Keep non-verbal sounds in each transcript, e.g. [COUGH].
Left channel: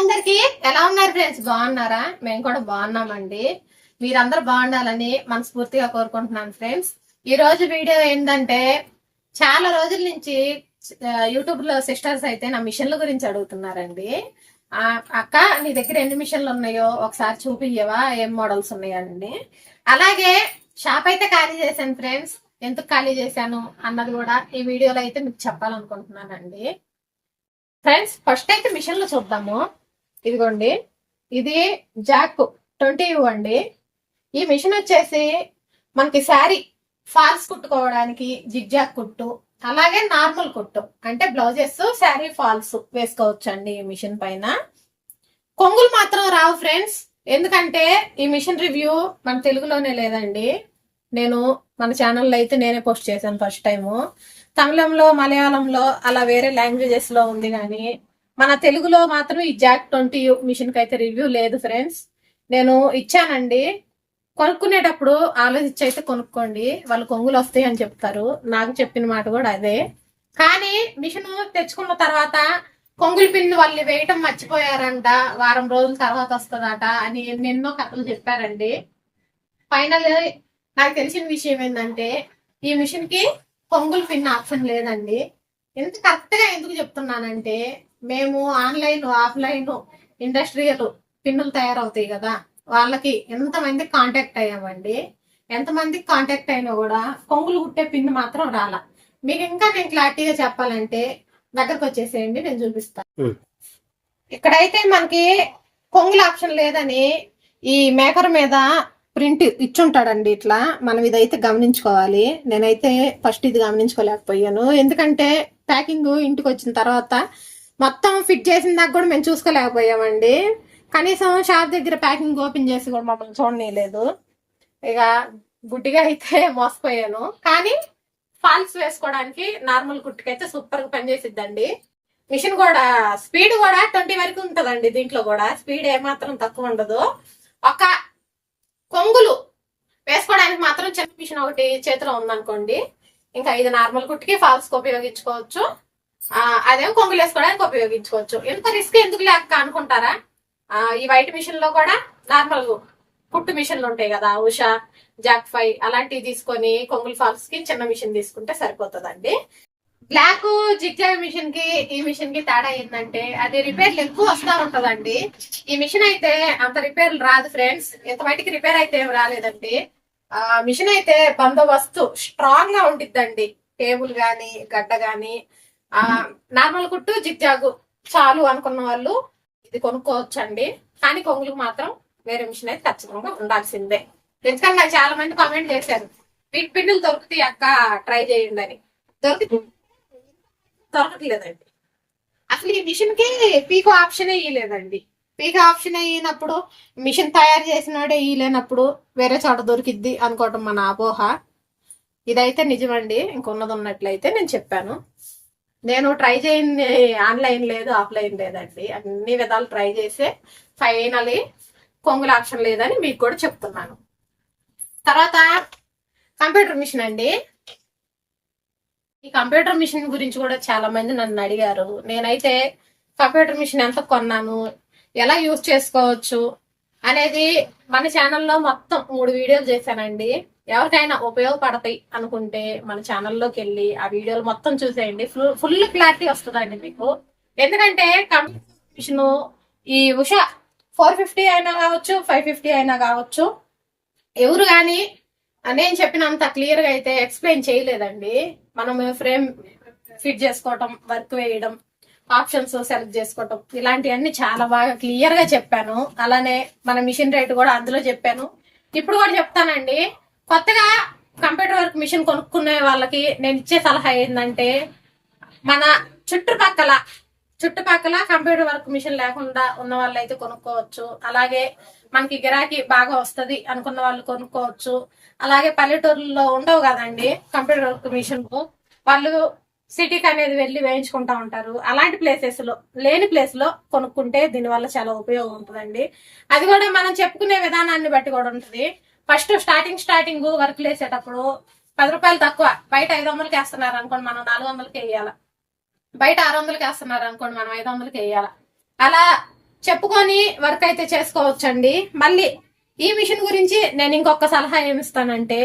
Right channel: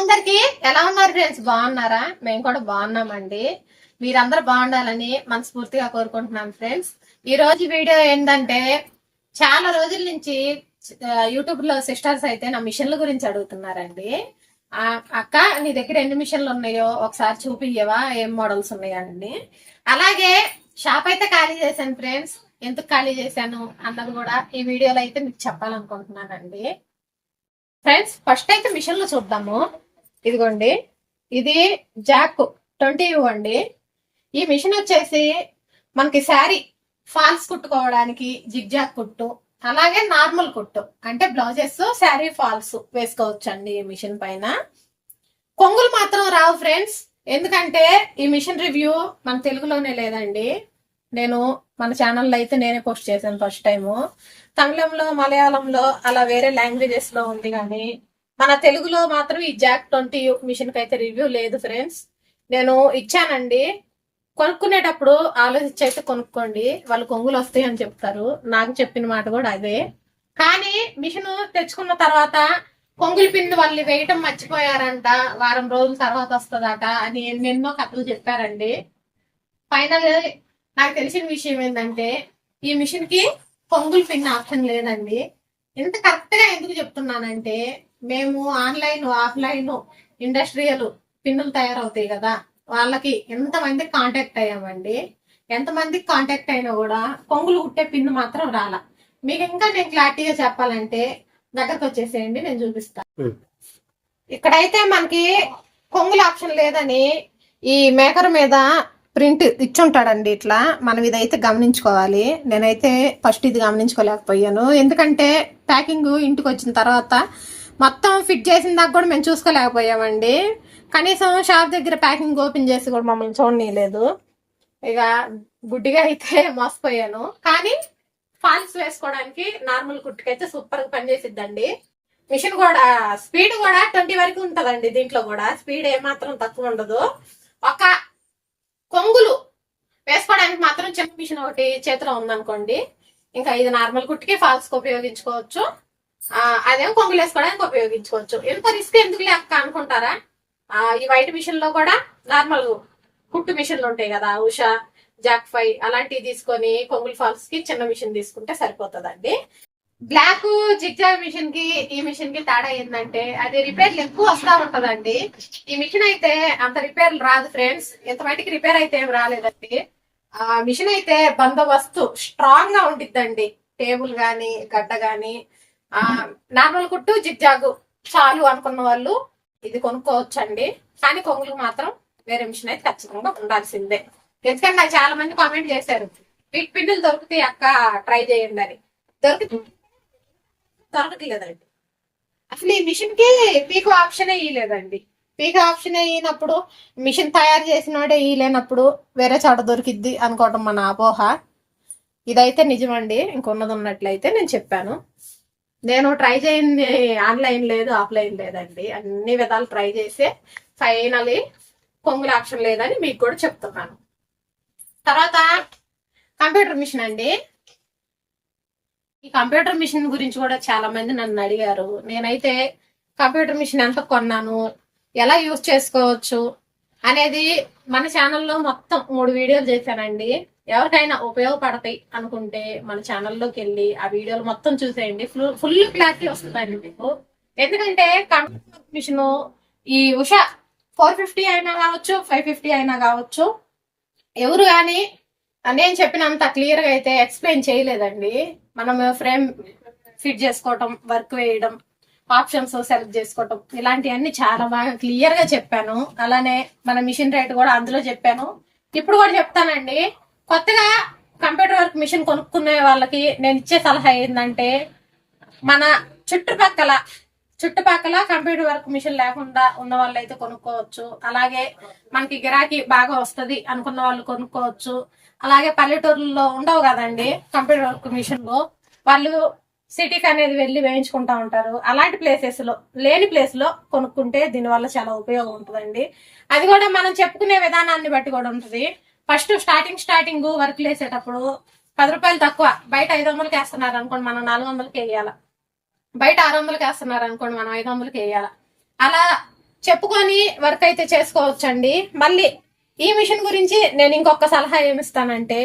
అందరికి ఎలా ఉన్నారు ఫ్రెండ్స్? బాగున్నారా? మేము కూడా బాగున్నామండి. మీరందరూ బాగుండాలని మనస్ఫూర్తిగా కోరుకుంటున్నాం ఫ్రెండ్స్. ఈ రోజు వీడియో ఏంటంటే చాలా రోజుల నుంచి యూట్యూబ్లో సిస్టర్స్ అయితే నా మిషన్ల గురించి అడుగుతున్నారండి. అక్క నీ దగ్గర ఎన్ని మిషన్లు ఉన్నాయో ఒకసారి చూపియ్యవా? ఏం మోడల్స్ ఉన్నాయండి అలాగే షాప్ అయితే ఖాళీ చేశాను ఫ్రెండ్స్. ఎందుకు ఖాళీ చేశాను అన్నది కూడా ఈ వీడియోలో అయితే మీకు చెప్పాలనుకుంటున్నానండి. ఫ్రెండ్స్ ఫస్ట్ అయితే మిషన్లు చూద్దాము. ఇదిగోండి ఇది జాక్ ట్వంటీ యూ అండి ఈ మిషన్ వచ్చేసి మనకి శారీ ఫాల్స్ కుట్టుకోవడానికి జిగ్జాక్ కుట్టు అలాగే నార్మల్ కుట్టు అంటే బ్లౌజెస్ శారీ ఫాల్స్ వేసుకోవచ్చు అండి ఈ మిషన్ పైన. కొంగులు మాత్రం రావు ఫ్రెండ్స్ ఎందుకంటే ఈ మిషన్ రివ్యూ మన తెలుగులోనే లేదండి. నేను మన ఛానల్లో అయితే నేనే పోస్ట్ చేశాను ఫస్ట్ టైము. తమిళంలో మలయాళంలో అలా వేరే లాంగ్వేజెస్లో ఉంది కానీ మన తెలుగులో మాత్రం ఈ జాక్ ట్వంటీ మిషన్కి అయితే రివ్యూ లేదు ఫ్రెండ్స్. నేను ఇచ్చానండి. కొనుక్కునేటప్పుడు ఆలోచించి అయితే కొనుక్కోండి. వాళ్ళు కొంగులు వస్తాయి అని చెప్తారు. నాకు చెప్పిన మాట కూడా అదే. కానీ మిషన్ తెచ్చుకున్న తర్వాత కొంగులు పిండి వాళ్ళు వేయటం మర్చిపోయారంట. వారం రోజుల తర్వాత వస్తుందట అని ఎన్నెన్నో కథలు చెప్పారండి. ఫైనల్ నాకు తెలిసిన విషయం ఏంటంటే ఈ మిషన్కి కొంగులు పిన్ ఆప్షన్ లేదండి. ఎంత కరెక్ట్గా ఎందుకు చెప్తున్నానంటే మేము ఆన్లైన్ ఆఫ్లైన్ ఇండస్ట్రియల్ పిన్నులు తయారవుతాయి కదా. వాళ్ళకి ఎంతమంది కాంటాక్ట్ అయ్యామండి? ఎంతమందికి కాంటాక్ట్ అయినా కూడా పొంగులు కుట్టే పిన్ మాత్రం రాలా. మీకు ఇంకా నేను క్లారిటీగా చెప్పాలంటే దగ్గరకు వచ్చేసేయండి నేను చూపిస్తాను. ఇక్కడైతే మనకి కొంగుల ఆప్షన్ లేదని ఈ మేకర్ మీద ప్రింట్ ఇచ్చుంటాడండి ఇట్లా. మనం ఇదైతే గమనించుకోవాలి. నేనైతే ఫస్ట్ ఇది గమనించుకోలేకపోయాను. ఎందుకంటే ప్యాకింగ్ ఇంటికి వచ్చిన తర్వాత మొత్తం ఫిట్ చేసిన దాకా కూడా మేము చూసుకోలేకపోయామండి. కనీసం షాప్ దగ్గర ప్యాకింగ్ ఓపెన్ చేసి కూడా మమ్మల్ని చూడనీయలేదు. ఇక గుడ్డిగా అయితే మోసపోయాను. కానీ ఫాల్స్ వేసుకోవడానికి నార్మల్ కుట్టుకైతే సూపర్గా పనిచేసిద్దండి. మిషన్ కూడా స్పీడ్ కూడా ట్వంటీ వరకు ఉంటదండి దీంట్లో కూడా. స్పీడ్ ఏమాత్రం తక్కువ ఉండదు. ఒక కొంగులు వేసుకోవడానికి మాత్రం చిన్న మిషన్ ఒకటి చేతిలో ఉందనుకోండి. ఇంకా ఇది నార్మల్ కుట్టికి ఫాల్స్కు ఉపయోగించుకోవచ్చు. ఆ, అదేమో కొంగులు వేసుకోవడానికి ఉపయోగించుకోవచ్చు. ఎంత రిస్క్ ఎందుకు లేక అనుకుంటారా? ఆ, ఈ వైట్ మిషన్లో కూడా నార్మల్ కుట్టు మిషన్లు ఉంటాయి కదా ఉషా జాక్ ఫై అలాంటివి తీసుకొని కొంగులు ఫాల్స్కి చిన్న మిషన్ తీసుకుంటే సరిపోతుందండి. బ్లాక్ జిగ్జాగ్ మిషన్కి ఈ మిషన్కి తేడా ఏంటంటే అది రిపేర్లు ఎక్కువ వస్తా ఉంటదండి. ఈ మిషన్ అయితే అంత రిపేర్లు రాదు ఫ్రెండ్స్. ఎంత బయటికి రిపేర్ అయితే ఏం రాలేదండి. ఆ మిషన్ అయితే బందోబస్తు స్ట్రాంగ్గా ఉండిద్దండి. టేబుల్ గాని గడ్డ గాని నార్మల్ కుట్టు జిగ్జాగ్ చాలు అనుకున్న వాళ్ళు ఇది కొనుక్కోవచ్చండి. కానీ కొంగులకు మాత్రం వేరే మిషన్ అయితే ఖచ్చితంగా ఉండాల్సిందే. ఎందుకంటే నాకు చాలా మంది కామెంట్ చేశారు వీటి పిండిలు దొరుకుతాయి అక్క ట్రై చేయండి అని. దొరికి దొరకట్లేదండి. అసలు ఈ మిషన్కి పీకో ఆప్షన్ ఇయ్యలేదండి. పీకో ఆప్షన్ అయినప్పుడు మిషన్ తయారు చేసినోడే ఇయ్యలేనప్పుడు వేరే చోట దొరికిద్ది అనుకోవటం మన అపోహ. ఇదైతే నిజమండి ఇంకొన్నది ఉన్నట్లయితే నేను చెప్పాను. నేను ట్రై చేయండి ఆన్లైన్ లేదు ఆఫ్లైన్ లేదండి. అన్ని విధాలు ట్రై చేసే ఫైనలీ కొంగుల ఆప్షన్ లేదని మీకు కూడా చెప్తున్నాను. తర్వాత కంప్యూటర్ మిషన్ అండి. ఈ కంప్యూటర్ మిషన్ గురించి కూడా చాలా మంది నన్ను అడిగారు. నేనైతే కంప్యూటర్ మిషన్ ఎంత కొన్నాను ఎలా యూజ్ చేసుకోవచ్చు అనేది మన ఛానల్లో మొత్తం మూడు వీడియోలు చేశానండి. ఎవరికైనా ఉపయోగపడతాయి అనుకుంటే మన ఛానల్లోకి వెళ్ళి ఆ వీడియోలు మొత్తం చూసేయండి. ఫుల్ ఫుల్ క్లారిటీ వస్తుందండి మీకు. ఎందుకంటే కంప్యూటర్ మిషన్ ఈ ఉషా ఫోర్ ఫిఫ్టీ అయినా కావచ్చు ఫైవ్ ఫిఫ్టీ అయినా కావచ్చు. ఎవరు కానీ నేను చెప్పినంత క్లియర్గా అయితే ఎక్స్ప్లెయిన్ చేయలేదండి. మనం ఫ్రేమ్ ఫిట్ చేసుకోవటం వర్క్ వేయడం ఆప్షన్స్ సెలెక్ట్ చేసుకోవటం ఇలాంటివన్నీ చాలా బాగా క్లియర్గా చెప్పాను. అలానే మన మిషన్ రేట్ కూడా అందులో చెప్పాను. ఇప్పుడు కూడా చెప్తానండి. కొత్తగా కంప్యూటర్ వర్క్ మిషన్ కొనుక్కునే వాళ్ళకి నేను ఇచ్చే సలహా ఏంటంటే మన చుట్టుపక్కల చుట్టుపక్కల కంప్యూటర్ వర్క్ మిషన్ లేకుండా ఉన్న వాళ్ళు అయితే కొనుక్కోవచ్చు. అలాగే మనకి గిరాకీ బాగా వస్తుంది అనుకున్న వాళ్ళు కొనుక్కోవచ్చు. అలాగే పల్లెటూరులో ఉండవు కదండి కంప్యూటర్ వర్క్ మిషన్ వాళ్ళు సిటీకి అనేది వెళ్ళి వేయించుకుంటా ఉంటారు. అలాంటి ప్లేసెస్లో లేని ప్లేస్లో కొనుక్కుంటే దీనివల్ల చాలా ఉపయోగం ఉంటుందండి. అది కూడా మనం చెప్పుకునే విధానాన్ని బట్టి కూడా ఉంటుంది. ఫస్ట్ స్టార్టింగ్ స్టార్టింగ్ వర్క్లు వేసేటప్పుడు పది రూపాయలు తక్కువ. బయట ఐదు వందలకి వేస్తున్నారు అనుకోండి మనం నాలుగు వందలకి వేయాలి. బయట ఆరు వందలకి వేస్తున్నారు అనుకోండి మనం ఐదు వందలకి వేయాలి. అలా చెప్పుకొని వర్క్ అయితే చేసుకోవచ్చండి. మళ్ళీ ఈ మిషన్ గురించి నేను ఇంకొక సలహా ఏమిస్తానంటే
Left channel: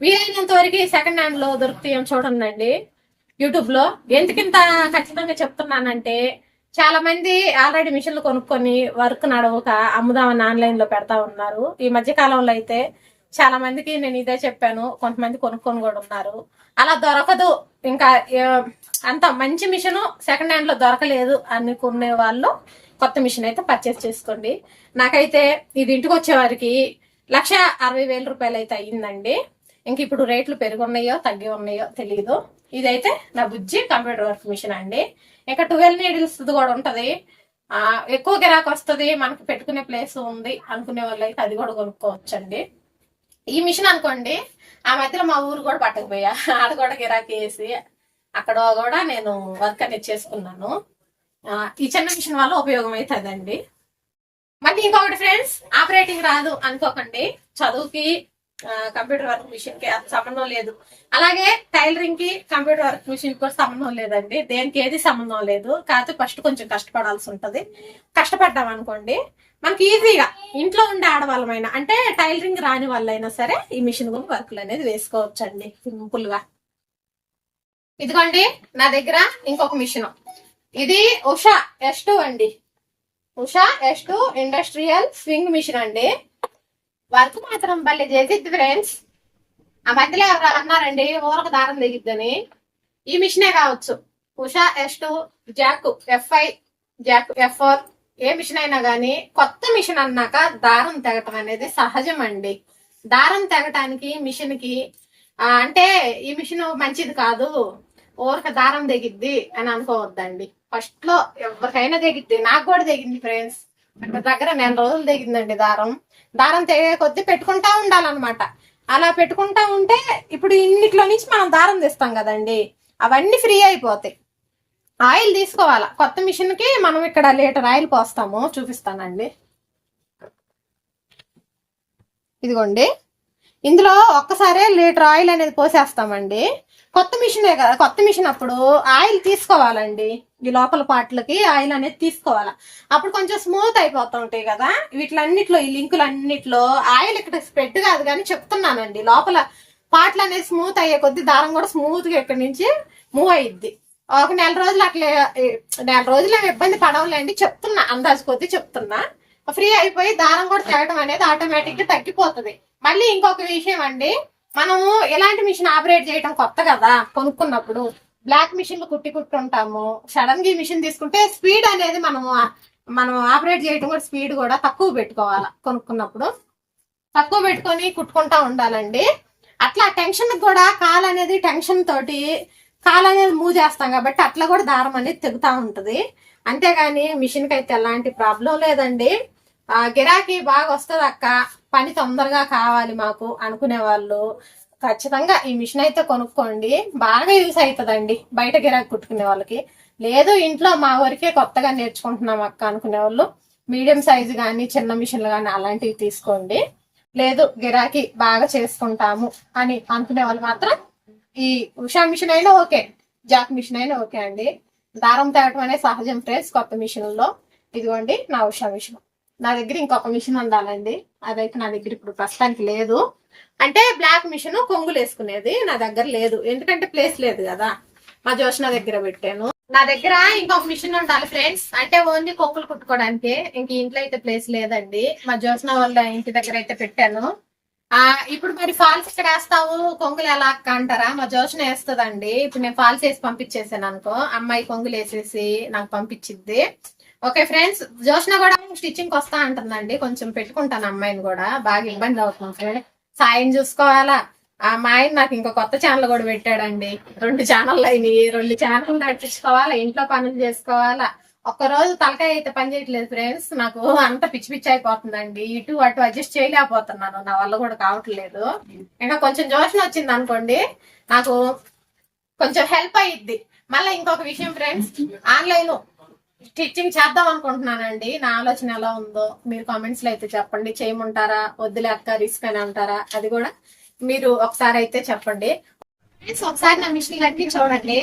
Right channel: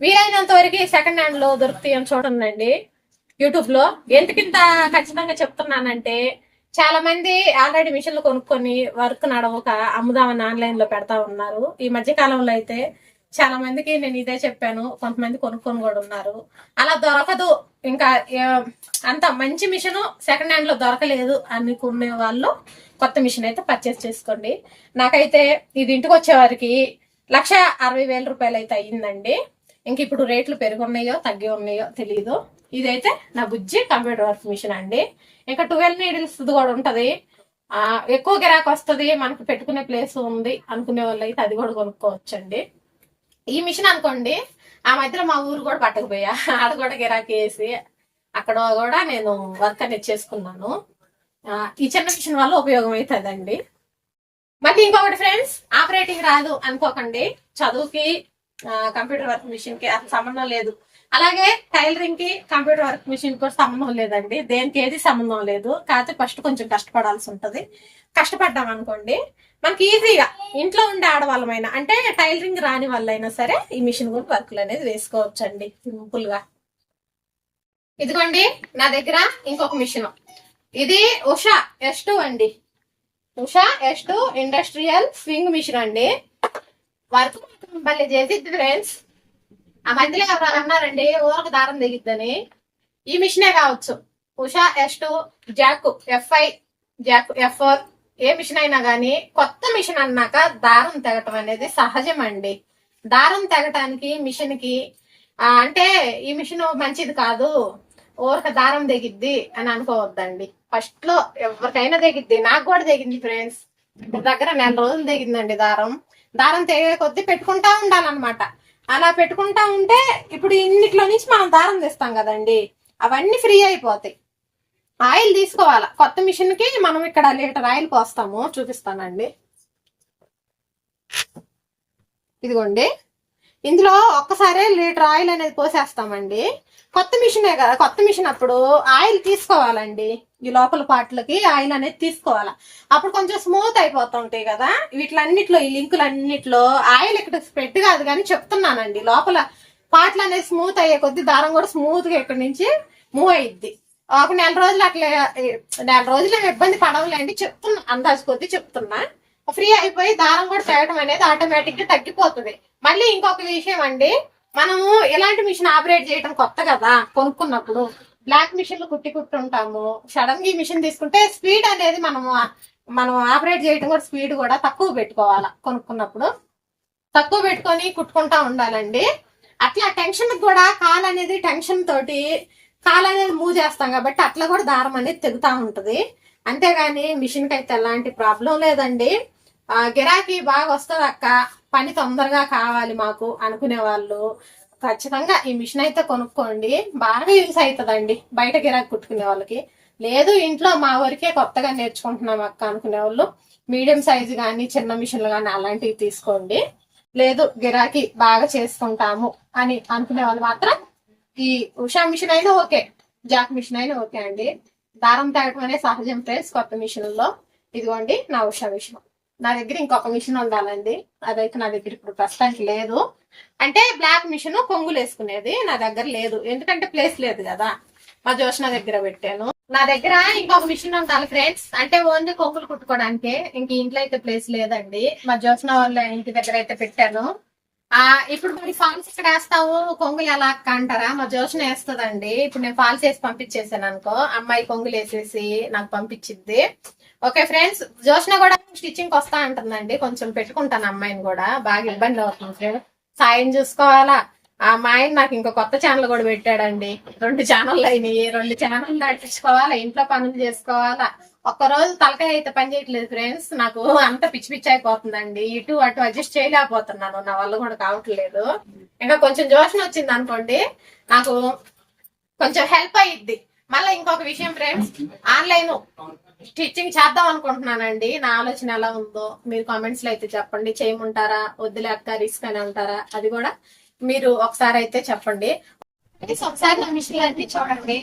వీలైనంత వరకు సెకండ్ హ్యాండ్లో దొరుకుతాయని చూడండి. యూట్యూబ్లో ఎందుకింత ఖచ్చితంగా చెప్తున్నానంటే చాలా మంది ఆల్రెడీ మిషన్లు కొనుక్కొని వర్క్ నడవక అమ్ముదామని ఆన్లైన్లో పెడతా ఉన్నారు. ఈ మధ్య కాలంలో అయితే చాలా మందికి నేను ఇదే చెప్పాను కొంతమంది కొనుక్కొని కూడా ఉన్నారు. అలా దొరకదు. ఇంకా అంత మంచి మిషన్ సెకండ్ హ్యాండ్లో దొరకలేదు అనుకునే వాళ్ళు కొత్త మిషన్ అయితే పర్చేస్ చేసుకోండి. నాకైతే ఇది ఇంటికి వచ్చే వారికి లక్ష అరవై వేల రూపాయలు అయితే అయ్యిందండి. ఇంక ఇప్పుడు రేట్లు పెరుగున్నాయో తగ్గి ఉన్నాయో తెలియదు ఇదైతే నా బుజ్జి కంప్యూటర్ వర్క్ మిషన్ అండి. ఇంకా ట్వెల్వ్ నీడిల్స్ కూడా ఉంటది. ఆ, ఎక్కువ గిరాకు వస్తుంది మనకు పెట్టుకునే ప్లేస్ ఉంది అనుకునే వాళ్ళు అయితే అది కూడా కొనుక్కోవచ్చండి. ఈ మిషన్ అనుకోండి ఆ మధ్యలో మా ఊరు కూడా పట్టకపోయా. [LAUGHS] ఆడ కూడా గిరాకీ వేసి అక్కడ కూడా నేను వర్క్ అనేది చేసుకున్నాను. ఈ చిన్న మిషన్ వల్ల ఉపయోగం అవుతుందండి మళ్ళీ ఇంకొకటి ఫ్రెండ్స్ ఆపరేటింగ్ రాదు అనుకోకండి. చదువుకి కంప్యూటర్ వర్క్ మిషన్కి సంబంధం లేదు. అలాగే టైలరింగ్కి కంప్యూటర్ వర్క్ మిషన్ కూడా సంబంధం లేదండి. దేనికి ఏది సంబంధం లేదు. కాకపోతే ఫస్ట్ కొంచెం కష్టపడాల్సి ఉంటుంది. కష్టపడ్డాం అనుకోండి మనకి ఈజీగా ఇంట్లో ఉండే ఆడవాళ్ళమైనా అంటే టైలరింగ్ రాని వాళ్ళైనా సరే ఈ మిషన్ కూడా వర్క్లు అనేది వేసుకోవచ్చండి సింపుల్గా. ఇదిగోండి నా దగ్గర ఇంకొక మిషన్. ఇది ఉషా ఎస్ టూ అండి. Usha S two industrial sewing machine అండి. వర్క్ మాత్రం భలే చేసిద్ది ఫ్రెండ్స్ ఆ మధ్యలో ఎవరు అన్నారండి ఊరకు దారం తెగిద్దని ఈ మిషనే కావచ్చు. Usha S two Jack F I Jack F four A machine అయినా కానీ కొత్త మిషన్ అన్నాక దారం తెగటం అనేది సహజం అండి దారం తెగటానికి మిషన్కి అంటే ఈ మిషన్ మంచిది కాదు. ఊరక దారం తెగిద్ది అని అనుకోవద్దండి. ఫస్ట్లో ఎవరికైనా తెగిద్ది నాకు కూడా తెగింది ఫ్రెండ్స్ దగ్గర నెల రోజులు తెగిందండి దారం. దారం తెగే కొద్దీ పెట్టుకుంటా ఉండాలన్నమాట. అలా పెట్టుకుంటా ఉంటే ఇప్పుడు ఇన్నిట్లో నుంచి మనం దారం తీస్తాం కదండి. అవన్నీ ఫ్రీ అయిపోతాయి. ఆయిల్ తీసుకోవాలా? కొత్త మిషన్కి మనం ఇక్కడ లీటర్ ఆయిల్ పోస్తాము. చూపిస్తానండి. ఇదిగోండి. ఇందులో ఒక్కసారే లీటర్ ఆయిల్ అనేది పోసేస్తామండి. కొత్త మిషనే కదా కొత్త మిషన్ అప్పుడు ఆయిల్ తీసుకోవాలండి. ఈ లోపల పాటలకి ఆయిల్ అనేది తీసుకోవాలా. అప్పుడు కొంచెం స్మూత్ అయిపోతూ ఉంటాయి కదా. వీటిలన్నిట్లో ఈ లింకులు అన్నిట్లో ఆయిల్ ఇక్కడ స్ప్రెడ్ కాదు కానీ చెప్తున్నానండి. లోపల పాటలు అనేది స్మూత్ అయ్యే కొద్ది దారం కూడా స్మూత్గా ఇక్కడ నుంచి మూవ్ అయ్యిద్ది ఒక నెల రోజులు అట్లా నెల రోజులు ఇబ్బంది పడవలేండి. చెప్తున్నా అందాజు కొద్ది చెప్తున్నా. ఫ్రీ అయిపోయి దారం కూడా తేయడం అనేది ఆటోమేటిక్గా తగ్గిపోతుంది. మళ్ళీ ఇంకొక విషయం అండి. మనము ఎలాంటి మిషన్ ఆపరేట్ చేయడం కొత్త కదా కొనుక్కున్నప్పుడు బ్లాక్ మిషన్లు కుట్టి కుట్టుంటాము. సడన్గా మిషన్ తీసుకుంటే స్పీడ్ అనేది మనము మనం ఆపరేట్ చేయడం కూడా స్పీడ్ కూడా తక్కువ పెట్టుకోవాలి కొనుక్కున్నప్పుడు. తక్కువ పెట్టుకొని కుట్టుకుంటా ఉండాలండి. అట్లా టెన్షన్ కూడా కాలు అనేది టెన్షన్ తోటి కాలు అనేది మూవ్ చేస్తాం కాబట్టి అట్లా కూడా దారం అనేది తెగుతా ఉంటుంది. అంతేగాని మిషన్కి అయితే ఎలాంటి ప్రాబ్లం లేదండి. గిరాకీ బాగా వస్తుంది అక్క పని తొందరగా కావాలి మాకు అనుకునే వాళ్ళు ఖచ్చితంగా ఈ మిషన్ అయితే కొనుక్కోండి. బాగా యూస్ అవుతుందండి బయట గిరాకీ కుట్టుకునే వాళ్ళకి. లేదు ఇంట్లో మా వరకే కొత్తగా నేర్చుకుంటున్నాం అక్క అనుకునే వాళ్ళు. మీడియం సైజు కానీ చిన్న మిషన్లు కానీ అలాంటివి తీసుకోండి. లేదు గిరాకీ బాగా చేసుకుంటాము అని అనుకునే వాళ్ళు మాత్రం ఈ ఉషా మిషన్ అయినా ఓకే జాక్ మిషన్ అయినా ఓకే అండి. దారం తేవటం అనేది సహజం ఫ్రెండ్స్ కొత్త మిషన్లో. ఇదిగోండి నా ఉషా మిషన్. నా దగ్గర ఇంకొక మిషన్ ఉండాలండి. అదైతే నా దగ్గర ఇప్పుడు ప్రస్తుతానికి లేదు. అంటే బ్లాక్ మిషన్ కొంగులు వేసుకునేది నా దగ్గర లేదు. ఎందుకంటే ప్లేస్ లేదు కదా. మా జోష్న దగ్గర పెట్టాను. నా దగ్గర ఇంకొక మిషన్ ఉండాలి ఫ్రెండ్స్. అంటే ఓన్లీ కొంగులు కుట్టుకోవడానికి. ఇంక ఇంట్లో అయితే ప్లేస్ లేదండి. మా జోష్న వాళ్ళ ఇంటి దగ్గర అయితే పెట్టాను. ఆ ఇప్పుడు మరి ఫాల్స్ ఇక్కడ వేస్తావు? కొంగులు ఎలా అంటారా మా జోష్న వేస్తుందండి. ఇప్పుడు నేను ఫాల్స్ వేసి పంపించేసాను అనుకో. అమ్మాయి కొంగులు వేసేసి నాకు పంపించిద్ది. ఓకే ఫ్రెండ్స్ జోష్న కూడా స్టిచ్చింగ్ వస్తా అంటుందండి. కొంచెం పెట్టుకుంటాను అమ్మాయిని కూడా. బాగా ఇబ్బంది అవుతుంది ఫ్రెండ్. సాయం చూసుకోవాలా? ఆ మా ఆయన నాకు ఇంకో కొత్త ఛానల్ కూడా పెట్టాడండి. రెండు ఛానల్ అయినాయి. రెండు ఛానల్ నడిపించుకోవాలా? ఇంట్లో పనులు చేసుకోవాలా? ఒక్క రోజు తలకాయ అయితే పని చేయట్లేదు ఫ్రెండ్స్. నాకు అంత పిచ్చి పిచ్చి అయిపోతుందండి. ఇటు అటు అడ్జస్ట్ చేయలేకపోతున్నాను. నా వల్ల కూడా కావట్లేదు. ఇంకా కొంచెం జోషం వచ్చింది అనుకోండి నాకు కొంచెం హెల్ప్ అయ్యిద్ది మళ్ళీ ఇంకొక విషయం ఫ్రెండ్స్ ఆన్లైన్ స్టిచ్చింగ్ చేద్దాం అనుకుంటున్నానండి. నా ఆలోచన ఎలా ఉందో మీరు కామెంట్స్లో అయితే చెప్పండి. చేయమంటారా? వద్దులే అక్క రిస్క్ అని అంటారా? అది కూడా మీరు ఒకసారి అయితే చెప్పండి. ఒకసారి నా మిషన్ అన్ని చూడండి.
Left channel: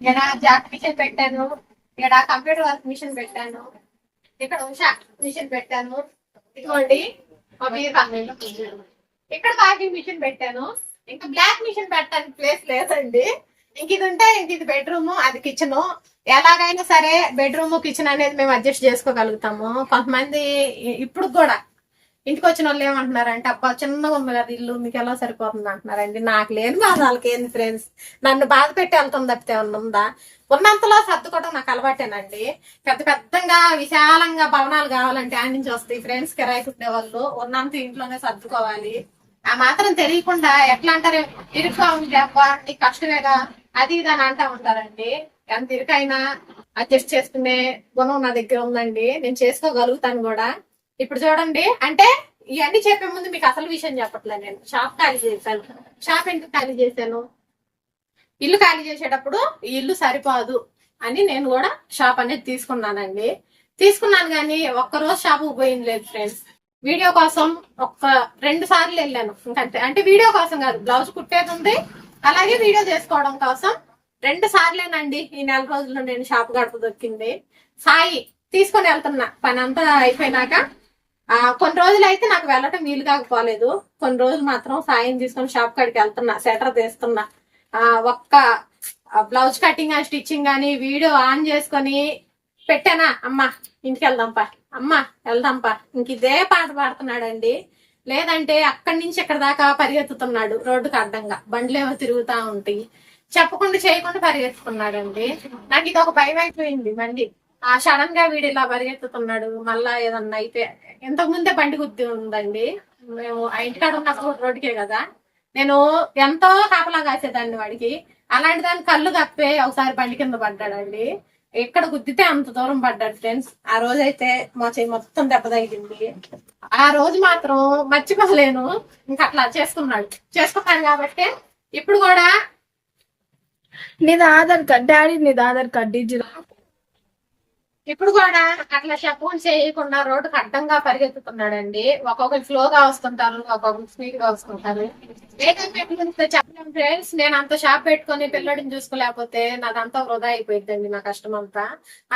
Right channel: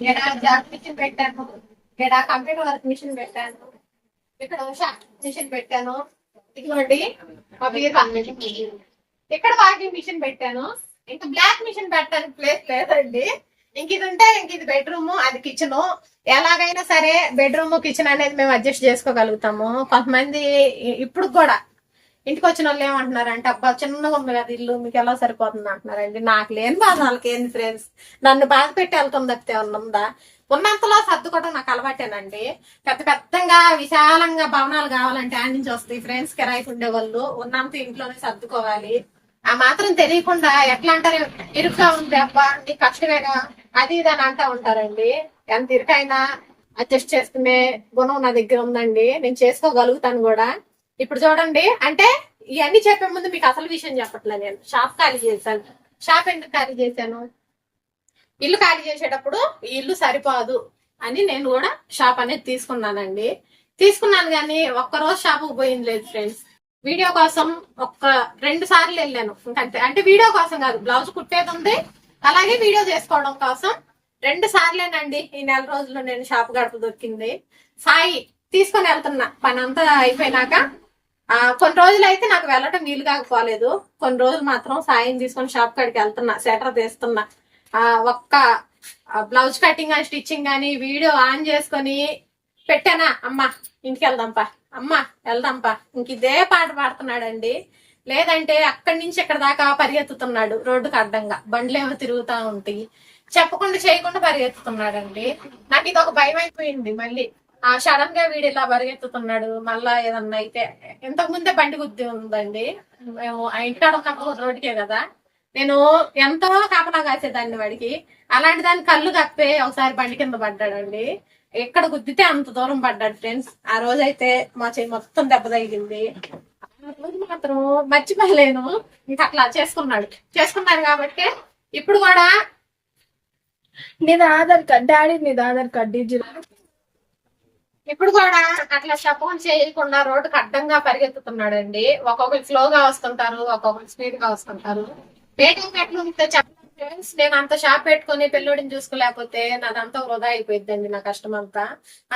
ఇక్కడ జాక్ మిషన్ పెట్టాను? ఇక్కడ కంప్యూటర్ వర్క్ మిషన్ పెట్టాను? ఇక్కడ ఉషా మిషన్ పెట్టాను. ఇదిగోండి. ఇక్కడ వాకింగ్ మిషన్ పెట్టాను. ఇంకా బ్లాక్ మిషన్ పెట్టడానికి ప్లేస్ లేదండి. ఇంక ఇది ఉంటే ఇంక ఇది బెడ్రూమ్ అది కిచెన్ ఎలాగైనా సరే బెడ్రూమ్ కిచెన్ అనేది మేము అడ్జస్ట్ చేసుకోగలుగుతాము. కొంతమంది ఇప్పుడు కూడా ఇంటికి వచ్చిన వాళ్ళు ఏమంటున్నారంటే అబ్బా చిన్నగా ఉంది కదా ఇల్లు మీకు ఎలా సరిపోతుంది? అంటున్నారండి. నాకు లేని బాధ వాళ్ళకి ఏంది ఫ్రెండ్స్ నన్ను బాధ పెట్టి వెళ్తుంది తప్పితే ఉందా? ఉన్నంతలో సర్దుకోవడం నాకు అలవాటేనండి. పెద్ద పెద్దగా విశాలంగా భవనాలు కావాలంటే ఆడి నుంచి వస్తాయి. ఫ్రెండ్స్ కిరాయికి ఉండేవాళ్ళు. ఉన్నంత ఇంట్లోనే సర్దుకోవాలి. ఆ మాత్రం తెలియకుండా ఎట్లా అంటారు? ఇరుగ్గా ఉంది అబ్బా నీకు కష్టమేగా? అది ఇది అని అంటా ఉంటారండి. ఎంత ఇరుకైనా అడ్జస్ట్ చేసుకునే గుణం నా దగ్గర ఉందండి. నేను చేసుకోగలుగుతాను కూడా. ఇప్పుడు చూడండి అంటే ఇవన్నీ చెప్పే ముందు మీకు అసలు విషయం చెప్పట్లే నేను. షాప్ ఖాళీ చేశాను. షాప్ ఎందుకు ఖాళీ చేశాను? ఇల్లు ఖాళీ చేసేటప్పుడు ఈ ఇల్లు సరిపోదు అని నేను కూడా షాప్ అనేది తీసుకున్నానండి. తీసుకున్నాను కానీ ఒక్కరోజు షాపు పోయింది లేదు ఫ్రెండ్స్. వీడియో కోసం ఒక్క రెండు సార్లు వెళ్ళాను. ఇంకంతే. అంటే వీడియో కోసం కాదు బ్లౌజ్ కుట్టేది ఉంది. అలాగే వీడియో చేసుకోవడం కోసం రెండు సార్లేనండి ఈ నెల రోజుల్లో నేను షాప్ గడప దొరికింది సాయి తీసుకొని వెళ్తున్నా. పని అంతా అయిపోయినాక కొన్ని రోజులు అయితే నాకు వెళ్ళటం వీలు కాకపోలేదు. కొన్ని రోజులు మాత్రం సాయం తీసుకొని షాప్ కాడికి వెళ్తున్నా సెటర్ తీస్తున్నా. ఆ ఒక్క బ్లౌజ్ కటింగ్ అండ్ స్టిచ్చింగ్ కానీ వీడియో ఆన్ చేసుకొని పెట్టానా? అమ్మా ఇంటికి వెళ్దాంపా అమ్మా వెళ్దాంపా ఇంక ఇదే పాట పాడుతున్నాడండి. లేదంటే అక్కడి నుంచి ఇక్కడ దాకా పరిగెత్తుతున్నాడు రోడ్డుకు అడ్డంగా. బండ్లేమో తిరుగుతా ఉంటాయి చెప్పకుండా చేయకుండా పరిగెత్తుతున్నాడండి. నాకు ఇది ఒక భయం అయిపోయింది మళ్ళీ. ఆ సడన్గా వీడు ఇలా పరిగెత్తుతున్నాడు మళ్ళా ఏదన్నా అయితే. ఇంతకు ముందే బండి గుద్ది ఉందండి. మేము ఆ ఇంటికాడ ఉన్నప్పుడు రోడ్డుకే కదా. నేను ఎంతో కాపలా కాసేదాన్ని వాడికి. అలాంటి దాని కళ్ళు కప్పే ఒకసారి బండి కింద పడ్డాడండి. ఎక్కడ గుద్దితే అంత దూరం పడ్డాడు ఫ్రెండ్స్. ఆ రోజు అయితే మా చెయ్యి మొత్తం దెబ్బ తగిలింది. ఆ రోజు మాత్రం మర్చిపోలేను. ఇంకా అట్లా చేసుకున్నాడు. చేసుకున్నాడు కాబట్టి ఇప్పుడు కూడా నీది ఆధార్ కార్డ్ డాడీ నీది ఆధార్ కార్డ్ డిజిటల్ ఇప్పుడు కూడా అట్లా చెప్పని చేయకుండా రోడ్డుకు అడ్డంగా పరిగెత్తుతున్నాడండి. ఒక్కొక్కరు స్లోగా వస్తుంటారు ఒక్కొక్కరు స్పీడ్గా వస్తుంటారు. ఏ టైం ఎట్లా చెప్పలేము ఫ్రెండ్స్ నేను అంత షాప్ పెట్టుకొని పిల్లోడిని చూసుకోలేకపోతే నాదంతా వృధా అయిపోయిందండి నా కష్టం అంతా.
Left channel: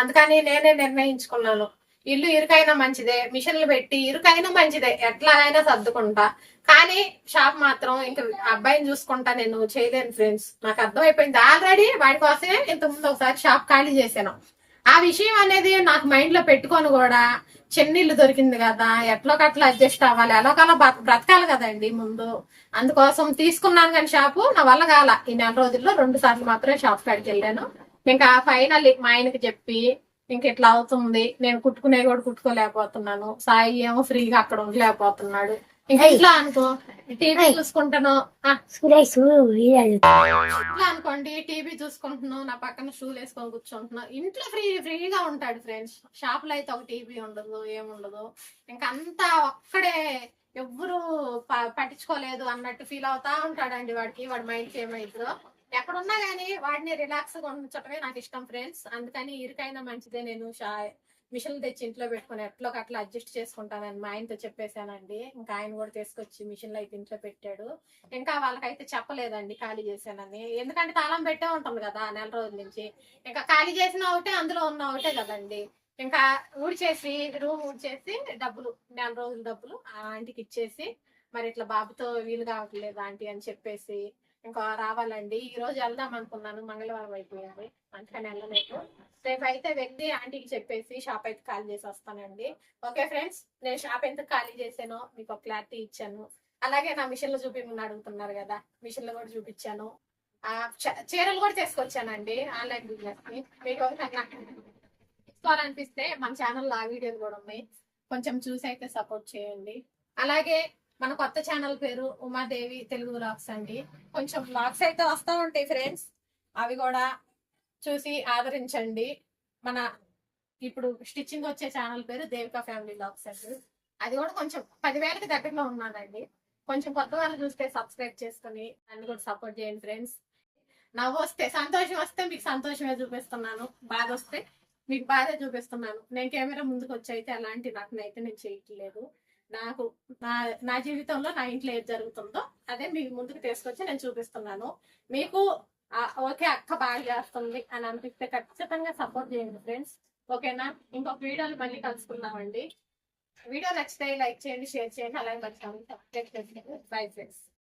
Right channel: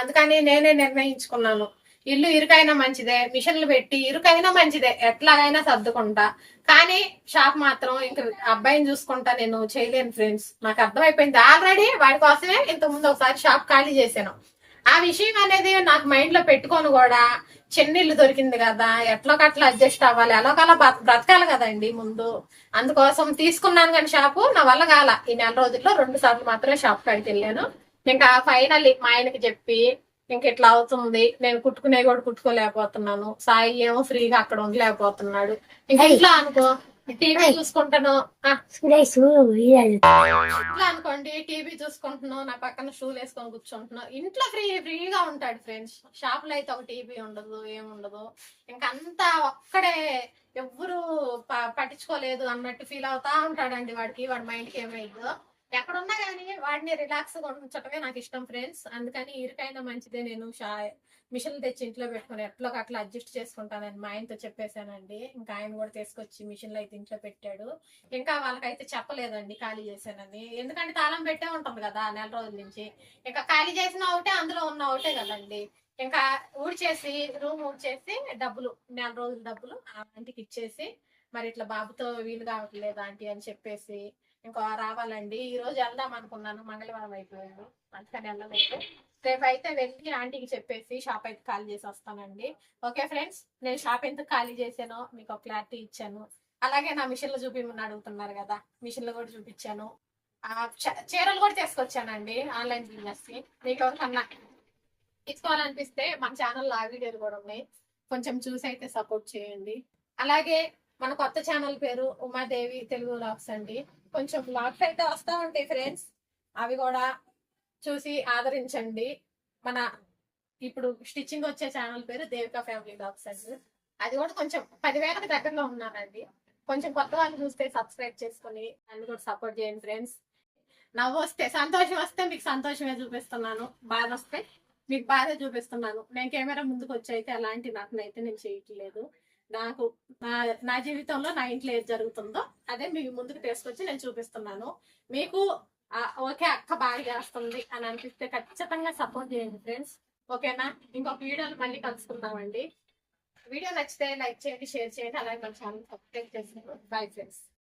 అందుకని నేనే నిర్ణయించుకున్నాను. ఇల్లు ఇరుకైనా మంచిదే మిషన్లు పెట్టి ఇరుకైనా మంచిదే ఎట్లాగైనా సర్దుకుంటా. కానీ షాప్ మాత్రం ఇంక అబ్బాయిని చూసుకుంటా నేను చేయలేను ఫ్రెండ్స్. నాకు అర్థమైపోయింది. ఆల్రెడీ వాడి కోసమే ఇంత ముందు ఒకసారి షాప్ ఖాళీ చేశాను. ఆ విషయం అనేది నాకు మైండ్లో పెట్టుకొని కూడా చెన్నీళ్ళు దొరికింది కదా ఎట్లోకట్లా అడ్జస్ట్ అవ్వాలి ఎలాగలా బ్రతకాలి కదండి ముందు. అందుకోసం తీసుకున్నాను కానీ షాపు నా వల్ల కాల. ఈ నెల రోజుల్లో రెండు సార్లు మాత్రమే షాప్ కాడికి వెళ్ళాను. ఇంకా ఫైనల్ మా ఆయనకి చెప్పి ఇంక ఇట్లా అవుతుంది. నేను కుట్టుకునే కూడా కుట్టుకోలేకపోతున్నాను. సాయి ఏమో ఫ్రీగా అక్కడ ఉండలేకపోతున్నాడు. ఇంకా ఇట్లా అనుకో? టీవీ చూసుకుంటాను. ఇంట్లో అనుకోండి టీవీ చూసుకుంటున్నాం నా పక్కన షూలు వేసుకొని కూర్చుంటున్నాం ఇంట్లో ఫ్రీ ఫ్రీగా ఉంటాడు ఫ్రెండ్స్ షాప్లో అయితే ఒక టీవీ ఉండదు ఏముండదు ఇంకా అంతా ఒక్కడే ఎవ్వరు పట్టించుకోలేదు అన్నట్టు ఫీల్ అవుతా ఉంటాడండి వాడికి. వాడి మైండ్కి ఏమైందో ఎక్కడున్నా గానీ వాడిని రిలాక్స్గా ఉంచడమే నాకు ఇష్టం ఫ్రెండ్స్ అందుకని ఇరుకైనా మంచిదే నేను షా- మిషన్ తెచ్చి ఇంట్లో పెట్టుకుని ఎట్లో అట్లా అడ్జస్ట్ చేసుకుంటానని మా ఆయనతో చెప్పేశానండి. ఇంకా ఆయన కూడా తీసుకొచ్చి మిషన్లు అయితే ఇంట్లో పెట్టాడు. ఇంకా వాళ్ళకైతే చెప్పలేదండి ఖాళీ చేశానని. ఎందుకంటే తాళం పెట్టే ఉంటుంది కదా నెల రోజుల నుంచి. ఇంకా ఖాళీ చేసిన ఒకటే అందులో ఉన్న ఒకటే కదండి. ఇంకా ఊడ్చేసి రూమ్ ఊడ్చేసి డబ్బులు నెల రోజుల డబ్బులు ఆ ఆంటీకి ఇచ్చేసి మరి ఇట్లా బాబుతో వీలు కావట్లేదు ఆంటీ అని చెప్పేసి ఇంకా రావాలండి. ఈ రోజు వెళ్దాం అనుకున్నాను. మంగళవారం అయిపోయింది. అందుకని వెళ్ళలేదు. రేపు అయితే వెళ్ళి ఆంటీకి చెప్పేసి షాప్ అయితే ఖాళీ చేసి వస్తానండి. ఓకే ఫ్రెండ్స్ నేను షాప్ ఎంత ఖాళీ చేశానో మీకు ఒక క్లారిటీ ఇచ్చాను. అలాగే నా మిషన్లు చూపిమని అడుగుతున్నారు కదా మిషన్లు కూడా చూపించాను. ఆ చ- చీరలు కూడా తీసుకొచ్చానండి ఆన్లైన్ బిజినెస్కి మీకు ఎవరికన్నా తీసుకోవాలనిపిస్తే మన ఛానల్లో ఆ వీడియోలు కూడా ఉన్నాయి. కొంచెం చూసి అయితే సపోర్ట్ చేయండి. అలాగే మన కొత్త ఛానల్ పేరు ఉమాదేవి తెలుగు లాక్స్ అండి. కొంచెం లాక్స్ అయితే వస్తూ ఉంటాయి ఫ్రెండ్స్. అవి కూడా చూసి ఆదరించండి. మన ఇప్పుడు స్టిచ్చింగ్ వచ్చే ఛానల్ పేరు దేవికా ఫ్యామిలీ లాక్స్ అండి. అది కూడా కొంచెం పదివేలకు దగ్గరలో ఉన్నానండి కొంచెం కొత్త వాళ్ళు చూస్తే సబ్స్క్రైబ్ చేసుకుని నన్ను కూడా సపోర్ట్ చేయండి ఫ్రెండ్స్. నవ్వు వస్తే సంతోషం వస్తే మీకు సంతోషమే చూపిస్తున్నాను. బాధ వస్తే మీకు బాధ చూపిస్తున్నాను. నేను కెమెరా ముందుకు వచ్చి అయితే అలాంటి నటనైతే నేను చేయట్లేదు. నాకు నా నా జీవితంలో నా ఇంట్లో ఏది జరుగుతుందో అదే మీ ముందుకు తీసుకొచ్చి నేను చూపిస్తున్నాను. మీకు ఓకే అక్క బాగా చేస్తుంది అని అనిపిస్తే ఖచ్చితంగా సపోర్ట్ చేయండి ఫ్రెండ్స్ ఓకేనా? ఇంకొక వీడియోలు మళ్ళీ కలుసుకుందామండి. వీడియో నచ్చితే లైక్ చేయండి షేర్ చేయండి అలాగే మన ఛానల్ సబ్స్క్రైబ్ చేసుకోండి బై ఫ్రెండ్స్